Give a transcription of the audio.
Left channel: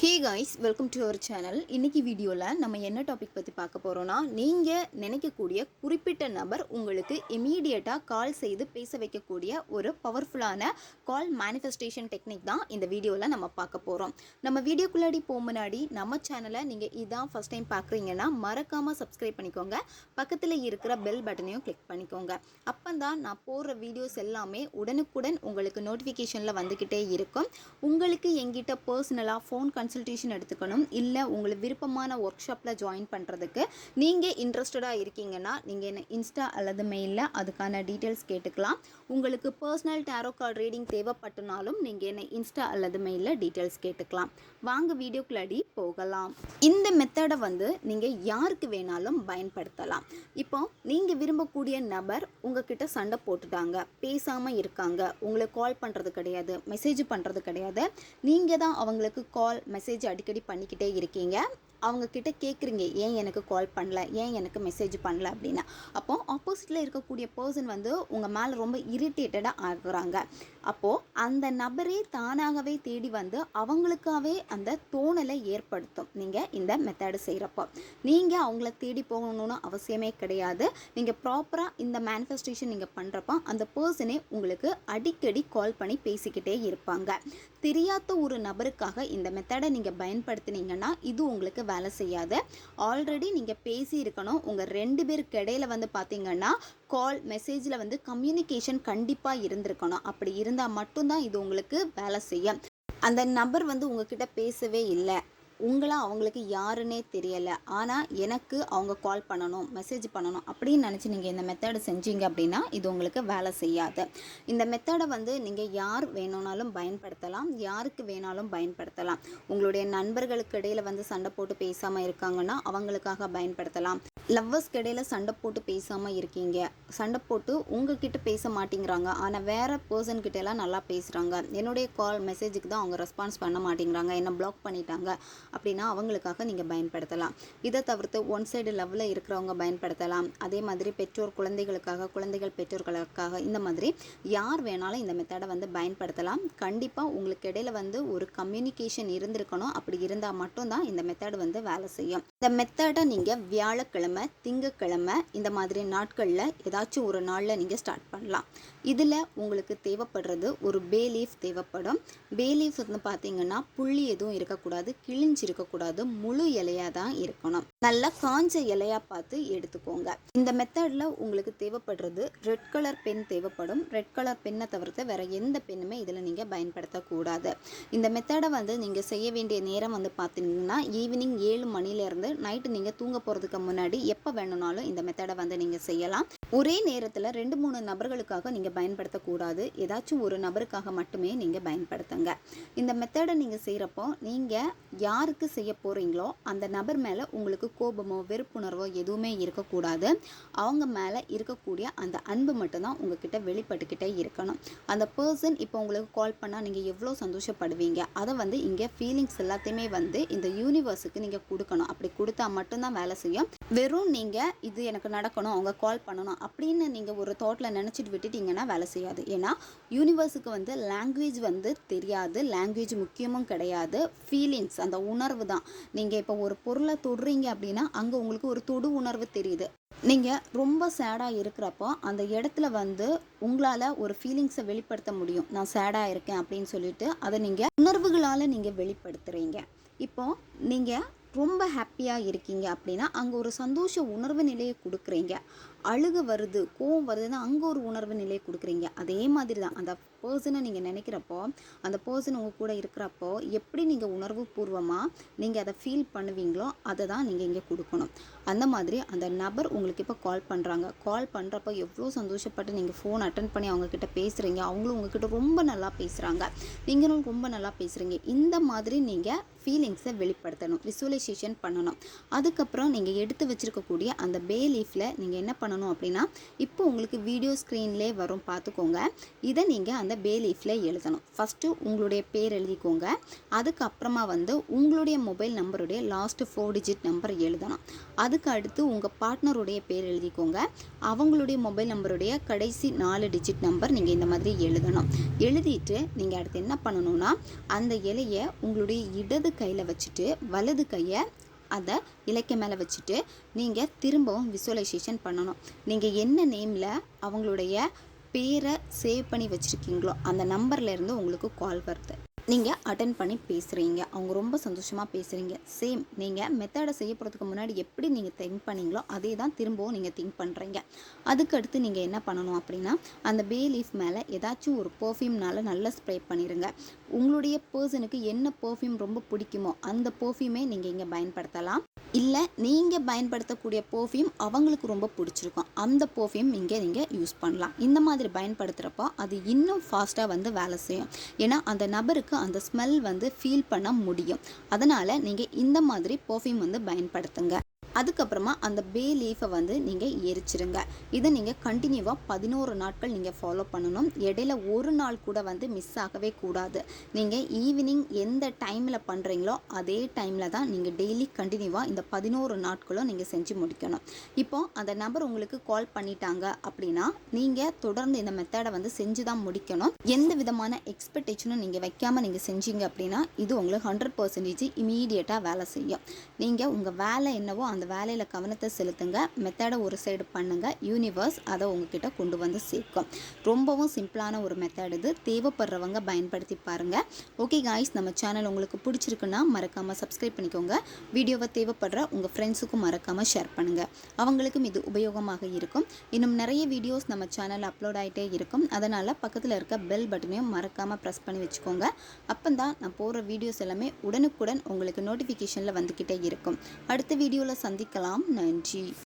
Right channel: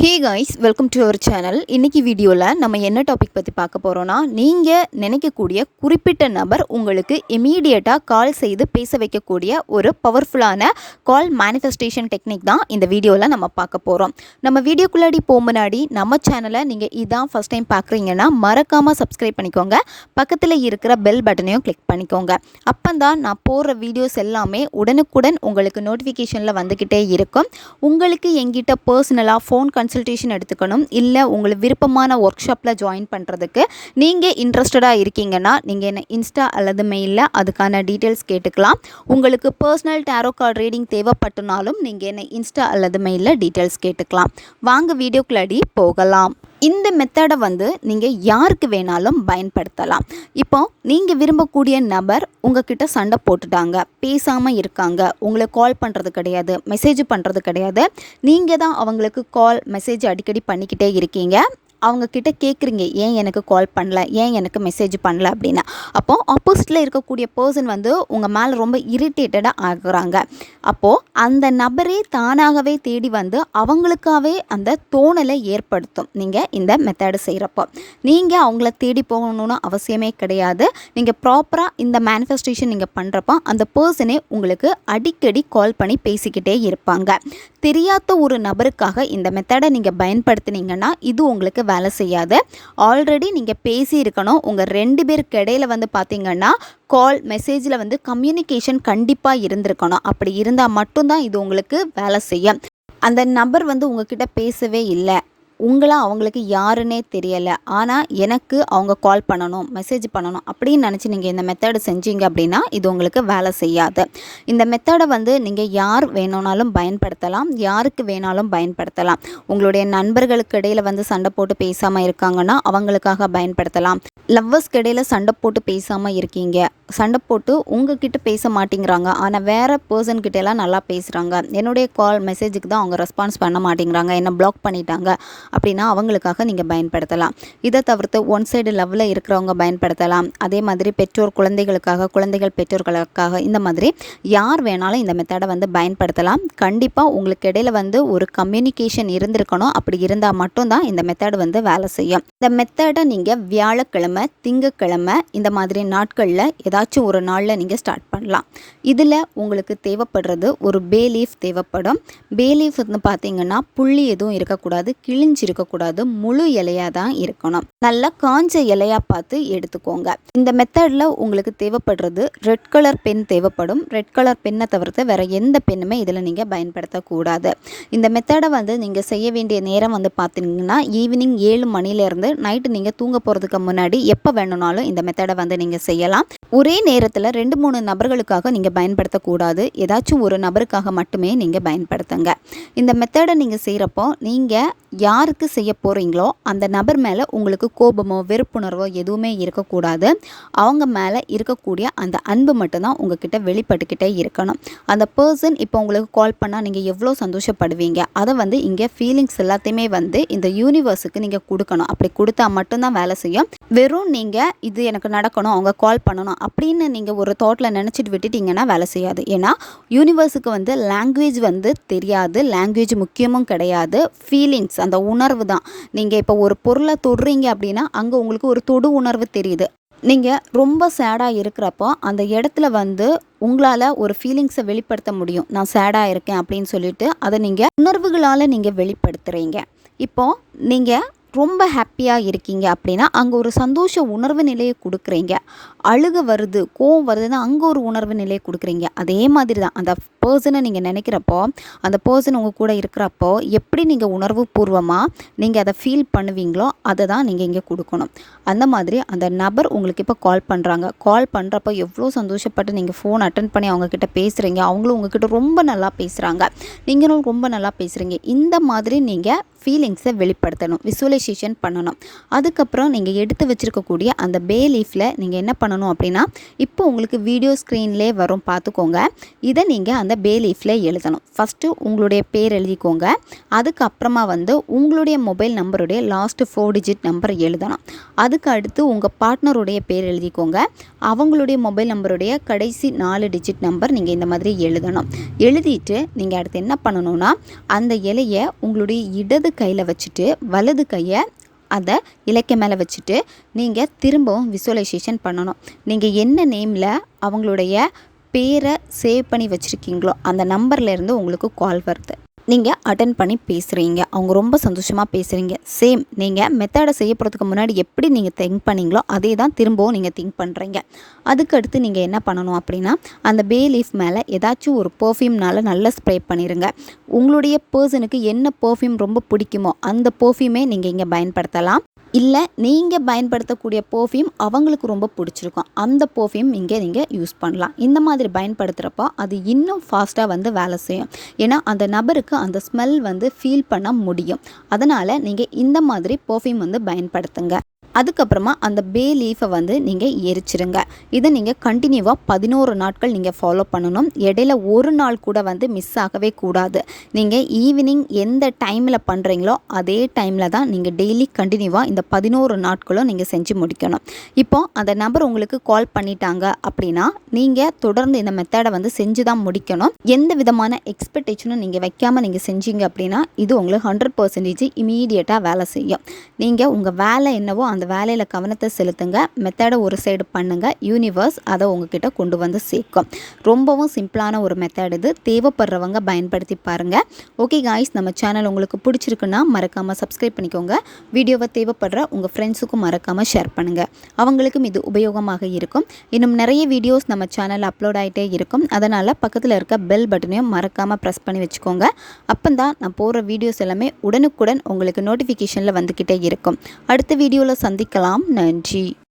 Hey guys welcome to our channel இன்றைக்கி வீடியோவில் நம்ம என்ன டாபிக் பற்றி பார்க்க போகிறோன்னா நீங்கள் நினைக்கக்கூடிய குறிப்பிட்ட நபர் உங்களுக்கு இமீடியட்டாக கால் செய்து பேச வைக்கக்கூடிய ஒரு பவர்ஃபுல்லான கால் மேனிஃபெஸ்டேஷன் டெக்னிக் தான் இந்த வீடியோவில் நம்ம பார்க்க போகிறோம் நம்ம வீடியோக்குள்ளாடி போக முன்னாடி நம்ம சேனலை நீங்கள் இதான் ஃபஸ்ட் டைம் பார்க்குறீங்கன்னா மறக்காமல் சப்ஸ்கிரைப் பண்ணிக்கோங்க. பக்கத்தில் இருக்கிற பெல் பட்டனையும் கிளிக் பண்ணிக்கோங்க. அப்போ தான் நான் போடுற வீடியோஸ் எல்லாமே உடனுக்குடன் உங்களுக்கு நோட்டிஃபிகேஷனில் வந்துக்கிட்டே இருக்கும். உங்களுக்கு எங்கிட்ட பர்சனலாக ஃபோன் கன்சல்டேஷன் எடுத்துக்கணும். இல்லை உங்களுக்கு விருப்பமான ஒர்க் ஷாப்பில் ஜாயின் பண்ணுறதுக்கு நீங்கள் இன்ட்ரெஸ்டடாக இருக்கீங்கன்னா நீங்கள் என்ன இன்ஸ்டா அல்லது மெயிலில் அதுக்கான டீட்டெயில்ஸ் கேட்டுக்கலாம். உங்களுக்கு பர்சனல் டேரோ கார்டு ரீடிங் தேவைப்பட்டனாலும் நீங்கள் என்ன இன்ஸ்டா அல்லது மெயிலில் டீட்டெயில்ஸ் கேட்டுக்கலாம். வாங்க வீடியோக்குள்ளடி போகலாம். இந்த மெத்தடை வந்து நீங்கள் யாருக்கு வேணாலும் பயன்படுத்தலாம். இப்போ நீங்கள் விரும்பக்கூடிய நபர் உங்ககிட்ட சண்டை போட்டுட்டாங்க பேசாமல் இருக்காங்க உங்களை கால் பண்ணுறது கிடையாது மெசேஜ் பண்ணுறது கிடையாது. நீங்கள் தான் அவங்களுக்கு கால் மெசேஜ் அடிக்கடி பண்ணிக்கிட்டே இருக்கீங்க. அவங்கக்கிட்ட கேட்குறீங்க ஏன் எனக்கு கால் பண்ணல? ஏன் எனக்கு மெசேஜ் பண்ணல? அப்படின்னு அப்போது ஆப்போசிட்டில் இருக்கக்கூடிய பர்சன் வந்து உங்கள் மேலே ரொம்ப இரிட்டேட்டடாக ஆகுறாங்க. அப்போது அந்த நபரே தானாகவே தேடி வந்து அவங்களுக்காகவே அந்த தோணலை ஏற்படுத்தும். நீங்கள் இந்த மெத்தடு செய்கிறப்போ நீங்கள் அவங்கள தேடி போகணும்னு அவசியமே கிடையாது. நீங்கள் ப்ராப்பராக இந்த மேனிஃபெஸ்டேஷன் நீங்கள் பண்ணுறப்போ அந்த பர்சனே உங்களுக்கு அடிக்கடி கால் பண்ணி பேசிக்கிட்டே இருப்பாங்க. தெரியாத ஒரு நபருக்காக இந்த மெத்தடை நீங்கள் பயன்படுத்தினீங்கன்னா இது உங்களுக்கு வேலை செய்யாது. ஆல்ரெடி நீங்கள் பேசி இருக்கணும் உங்கள் ரெண்டு பேருக்கு இடையில வந்து பார்த்தீங்கன்னா கால் மெசேஜில் வந்து கம்யூனிகேஷன் கண்டிப்பாக இருந்திருக்கணும். அப்படி இருந்தால் மட்டும்தான் இது உங்களுக்கு வேலை செய்யும். அந்த நபர் வந்து உங்ககிட்ட பேசவே இல்லை. உங்களாக அவங்களுக்கு யாருன்னே தெரியலை. ஆனால் எனக்கு அவங்க கால் பண்ணணும் மெசேஜ் பண்ணணும் அப்படின்னு நினச்சி நீங்கள் இந்த மெத்தடை செஞ்சீங்க அப்படின்னா இது உங்களுக்கு வேலை செய்யாது. இந்த மெத்தடை வந்து நீங்கள் யார் வேணும்னாலும் பயன்படுத்தலாம் யாருக்கு வேணாலும் பயன்படுத்தலாம். உங்களுடைய நண்பர்களுக்கு இடையில் வந்து சண்டை போட்டு பேசாமல் இருக்காங்கன்னா அவங்களுக்காக பயன்படுத்தலாம். லவ்வர்ஸ்க்கு இடையில் சண்டை போட்டு பேசாமல் இருக்கீங்க. சண்டை போட்டு உங்ககிட்ட பேச மாட்டேங்கிறாங்க. ஆனால் வேறு பர்சன் கிட்டலாம் நல்லா பேசுகிறாங்க என்னுடைய கால் மெசேஜுக்கு தான் அவங்க ரெஸ்பான்ஸ் பண்ண மாட்டேங்கிறாங்க. என்ன பிளாக் பண்ணிட்டாங்க அப்படின்னா அவங்களுக்காக நீங்கள் பயன்படுத்தலாம். இதை தவிர்த்து ஒன் சைடு லவ்வில் இருக்கிறவங்க பயன்படுத்தலாம். அதே மாதிரி பெற்றோர் குழந்தைகளுக்காக குழந்தைகள் பெற்றோர்களுக்காக இந்த மாதிரி யார் வேணாலும் இந்த மெத்தடை வந்து பயன்படுத்தலாம். கண்டிப்பாக உங்களுக்கு இடையில வந்து ஒரு கம்யூனிகேஷன் இருந்திருக்கணும். அப்படி இருந்தால் மட்டும்தான் இந்த மெத்தட் வந்து வேலை செய்யும். இந்த மெத்தடை நீங்கள் வியாழக்கிழமை திங்கக்கிழமை இந்த மாதிரி நாட்களில் ஏதாச்சும் ஒரு நாளில் நீங்கள் ஸ்டார்ட் பண்ணலாம். இதில் உங்களுக்கு தேவைப்படுறது ஒரு பே லீஃப் தேவைப்படும். பே லீஃப் வந்து பார்த்தீங்கன்னா புள்ளி எதுவும் இருக்கக்கூடாது கிழிஞ்சு இருக்கக்கூடாது முழு இலையாக தான் இருக்கணும். நல்லா காஞ்ச இலையாக பார்த்து எடுத்துக்கோங்க. இந்த மெத்தடில் உங்களுக்கு தேவைப்படுறது ரெட் கலர் பென் தேவைப்படும். ரெட் கலர் பெண்ணை தவிர்த்து வேறு எந்த பெண்ணுமே இதில் நீங்கள் பயன்படுத்தக்கூடாது. இந்த மெத்தடை வந்து நீங்கள் செய்ய வேண்டிய நேரம் வந்து பார்த்தீங்கன்னா ஈவினிங் ஏழு மணிலேருந்து நைட்டு நீங்கள் தூங்க போகிறதுக்கு முன்னாடி எப்போ வேணும்னாலும் இந்த மெத்தடை வந்து நீங்கள் செய்யலாம். ஒரே நேரத்தில் ரெண்டு மூணு நபர்களுக்காக நீங்கள் பயன்படுத்தக்கூடாது. ஏதாச்சும் ஒரு நபருக்காக மட்டுமே நீங்கள் பயன்படுத்துங்க. இந்த மெத்தடை நீங்கள் செய்கிறப்போ நீங்கள் யாருக்கு செய்ய போகிறீங்களோ அந்த நபர் மேலே உங்களுக்கு கோபமோ வெறுப்புணர்வோ எதுவுமே இருக்கக்கூடாது. அவங்க மேலே இருக்கக்கூடிய அந்த அன்பு மட்டும்தான் உங்ககிட்ட வெளிப்பட்டுக்கிட்டே இருக்கணும். அந்த பர்சன் இப்போ உங்களுக்கு கால் பண்ணால் நீங்கள் எவ்வளோ சந்தோஷப்படுவீங்க? அதை வந்து இங்கே ஃபீலிங்ஸ் எல்லாத்தையுமே வந்து இந்த யூனிவர்ஸுக்கு நீங்கள் கொடுக்கணும். அப்படி கொடுத்தா மட்டும்தான் வேலை செய்யும். வெறும் நீங்கள் இது எனக்கு நடக்கணும் அவங்க கால் பண்ணணும் அப்படின்னு நீங்கள் ஒரு தாட்டில் நினச்சிட்டு விட்டுட்டிங்கன்னா வேலை செய்யாது. ஏன்னா யூனிவர்ஸுக்கு வந்து லாங்குவேஜ் வந்து தெரியாது லாங்குவேஜ் முக்கியமும் கிடையாது ஃபீலிங்ஸ் அந்த உணர்வு தான். நீங்கள் இப்போ ஒரு பொருளை தொடுறீங்க அப்படின்னா அங்கே உங்களுக்கு ஒரு தொடு உணர்வு தெரியுது. நீங்கள் ரொம்ப சேடாக இருக்கிறப்போ அந்த இடத்துல வந்து உங்களால் ஒரு ஃபீலிங்ஸை வெளிப்படுத்த முடியும். நான் சேடாக இருக்கேன் அப்படின்னு சொல்லிட்டு அதை நீங்கள் உணர்வுகளால் நீங்கள் வெளிப்படுத்துகிறீங்க இப்போது நீங்கள் ரொம்ப ஹாப்பியாக இருக்கீங்க அப்படின்னா அங்கே ஒரு சந்தோஷ உணர்வு நிலையை கொடுக்குறீங்க. அழுக வருது கோவம் வருதுன்னா அங்கே ஒரு உணர்வு நிலையை கொடுக்குறீங்க. அதே மாதிரி தான் அந்த பர்சனை நீங்கள் நினைக்கிறப்போ அந்த பர்சன் உங்கள் கூட இருக்கிறப்போ எப்படி நீங்கள் உணர்வு பூர்வமாக நீங்கள் அதை ஃபீல் பண்ணுவீங்களோ அதை தான் நீங்கள் இங்கே கொடுக்கணும். அந்த மாதிரி அந்த நபர் உங்களுக்கு இப்போ கால் பண்ணுறாங்க கால் பண்ணுறப்போ எவ்வளோ சந்தோஷப்பட்டு நீங்கள் ஃபோன் அட்டன் பண்ணி அவங்கக்கிட்ட பேசுகிறீங்க அவங்களும் உங்ககிட்ட ரொம்ப நல்லா பேசுகிறாங்க நீங்களும் ரொம்ப நல்லா பேசுகிறீங்க இந்த மாதிரி நீங்கள் ஃபீலிங்ஸை வெளிப்படுத்தணும். விசுவலைசேஷன் பண்ணணும். அதுக்கப்புறம் நீங்கள் எடுத்து வச்சுருக்கக்கூடிய அந்த பே லீஃபில் நீங்கள் என்ன பண்ணணும் அப்படின்னா இப்போ உங்களுக்கு வீடியோ ஸ்க்ரீன்லேயே வரும். பார்த்துக்கோங்க. இதை நீங்கள் அந்த அந்த பே லீஃபில் எழுதணும். ஃபஸ்ட்டு உங்களுடைய பேர் எழுதிக்கோங்க. அதுக்கப்புறமா வந்து உங்களுடைய மொபைல் நம்பருடைய லாஸ்ட்டு ஃபோர் டிஜிட் நம்பர் எழுதணும். அதுக்கு அடுத்து உங்கள் பார்ட்னருடைய பேர் எழுதிக்கோங்க. அவங்களுடைய மொபைல் நம்பருடைய கடைசி நாலு டிஜிட் நம்பர் நீங்கள் இந்த மாதிரி எழுதணும். எழுதிட்டு நீங்கள் அடுத்து என்ன பண்ணணும்னா அந்த இலையை உங்களுடைய இடது கையில் வச்சுட்டு வலது கையை அதை இலைக்க மேலே வச்சுட்டு நீங்கள் திரும்பவும் விசுவலைசேஷன் பண்ணணும். நீங்கள் என்ன நேமில் அவங்களுடைய பேரை சேவ் பண்ணி வச்சுருக்கீங்களோ அந்த நம்பர்லேருந்து உங்களுக்கு கால் வருது. நீங்கள் அட்டன் பண்ணி பேசுகிறீங்க அவங்க ரொம்ப சந்தோஷமாக பேசுகிறீங்க சேம் நீங்கள் மெத்தடை செய்ய போகிறதுக்கு முன்னாடி எப்படி நீங்கள் திங்க் பண்ணீங்களோ அதே தான் திரும்பவும் நீங்கள் திங்க் பண்ணுறீங்க அதுக்கு அடுத்து நீங்கள் என்ன பண்ணணும் அப்படின்னா அந்த பே லீஃப் மேலே ஏதாச்சும் ஒரு பர்ஃப்யூம்னால நல்லா ஸ்ப்ரே பண்ணிடுங்க உங்களுடைய பர்சனுக்கு என்ன பர்ஃப்யூம் ரொம்ப பிடிக்குமோ அந்த பர்ஃப்யூமே நீங்கள் இங்கே பயன்படுத்தலாம். இல்லை நீங்கள் பயன்படுத்தக்கூடிய பர்ஃப்யூம் அவங்களுக்கு ரொம்ப பிடிச்சிருக்கும். அந்த பர்ஃப்யூம் இங்கே நீங்கள் யூஸ் பண்ணலாம். இந்த மாதிரி பயன்படுத்துகிறப்போ அது இன்னும் ஃபாஸ்ட்டாக வந்து வேலை செய்யும். ஏன்னா அந்த நபருக்கு அந்த ஸ்மெல் வந்து ஃபீல் பண்ண முடியும். அதனால் நீங்கள் இந்த மாதிரி பர்ஃப்யூம் வந்து பயன்படுத்துங்க. அதுக்கப்புறமா அந்த பே லீஃபை வந்து நீங்கள் எரிச்சிருங்க. இதை நீங்கள் கண்டினியூவாக பதினோரு நாட்கள் நீங்கள் ஃபாலோ பண்ணணும். இடையில ஒரு நாள் கூட வந்து மிஸ் ஆகவே கூடாது. நீங்கள் ஈவினிங் எந்த டைமில் பண்ணுறீங்களோ அதே டைமில் தான் நீங்கள் டெய்லி கண்டினியூவாக இந்த பதினோரு நாட்களும் நீங்கள் செஞ்சு முடிக்கணும். இப்போ அந்த நபர் உங்களுக்கு கால் பண்ணிட்டாங்க அப்படின்னா நீங்கள் தொடர்ந்து இந்த மெத்தடை வந்து செஞ்சு தான் முடிக்கணும். எந்த விதமான எக்ஸ்பெக்டேஷனும் நீங்கள் வைக்காமல் நீங்கள் செஞ்சீங்க அப்படின்னா இது உங்களுக்கு ஹண்ட்ரட் பர்சன்டேஜ் இமீடியட்டாக வேலை செய்யும். நீங்கள் உங்கள் வேலை என்னவோ அந்த வேலையில் கவனத்தை செலுத்துங்க. மெத்தடை ஒரு சைடு பண்ணுங்கள் யூனிவர்ஸ் அதை உங்ககிட்ட கொண்டு வந்து சேர்க்கும். ரொம்பவும் சிம்பிளான ஒரு மெத்தட் இது. தேவைப்படுறவங்க பயன்படுத்தி பாருங்கள் ஓகே காய்ஸ் நம்ம சேனல் உங்களுக்கு பிடிச்சிருக்குன்னா மறக்காமல் சப்ஸ்கிரைப் பண்ணிக்கோங்க. வீடியோவை தேவைப்படுற உங்கள் ஃப்ரெண்ட்ஸுக்கும் மறக்காமல் ஷேர் பண்ணுங்கள் அவங்களுக்கும் இது உபயோகமாக இருக்கும். இன்னும் நிறைய வீடியோஸ் நம்ம சேனலில் அப்லோட் ஆகிட்டே இருக்கும். அதனால் பக்கத்தில் இருக்க பெல் பட்டனையும் மறக்காமல் ப்ரெஸ் பண்ணி வச்சுக்கோங்க. அப்போ தான் நான் போகிற வீடியோஸ் எல்லாமே உடனுக்குடன் உங்களுக்கு நோட்டிஃபிகேஷனில் வந்துக்கிட்டே இருக்கும். அடுத்த வீடியோவில் சந்திக்கலாம். நன்றி.